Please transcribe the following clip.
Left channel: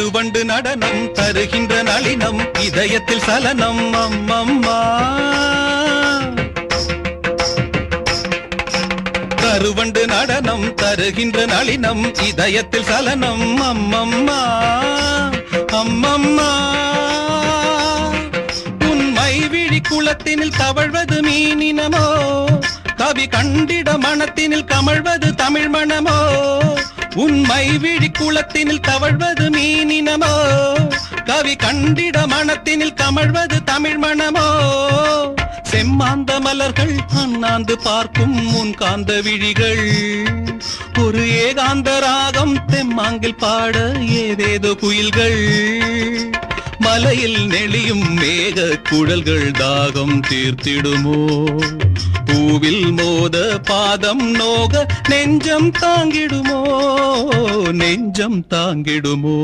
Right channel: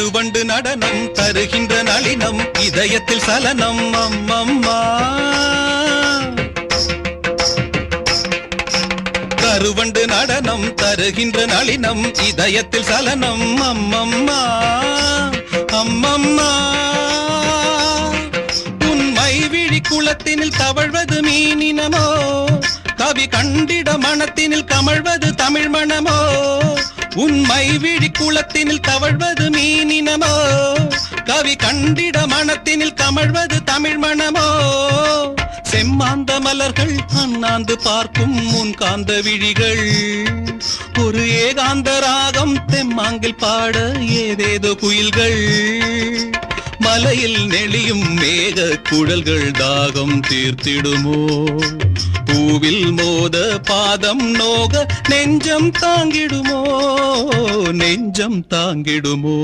மாற்றுவண்டு நடனம் தருகின்ற நளினம் இதயத்தில் சலனம் அம்மம்மா கருவண்டு நடனம் தருகின்ற நளினம் இதயத்தில் சலனம் அம்மம்மா அம்மம்மா உண்மை விழி குளத்தினில் தவழ்வது மீனினமோ கவி கண்டிட மனத்தினில் கமழ்வது தமிழ் மனமோ உண்மை விழி குளத்தினில் தவழ்வது மீனினமோ கவி கண்டிட மனத்தினில் தமிழ்வது தமிழ் மனமோ செம்மாந்த மலர்கள் அண்ணாந்து பார்க்கும் முன் காந்த விழிகள் ஒரு ஏகாந்த ராகம் தெம்மாங்கில் பாட ஏதேதோ குயில்கள் மலையில் நெளியும் மேக குடல்கள் தாகம் தீர்த்திடுமோ பூவில் மோத பாதம் நோக நெஞ்சம் தாங்கிடுமோ நெஞ்சம் தாங்கிடுமோ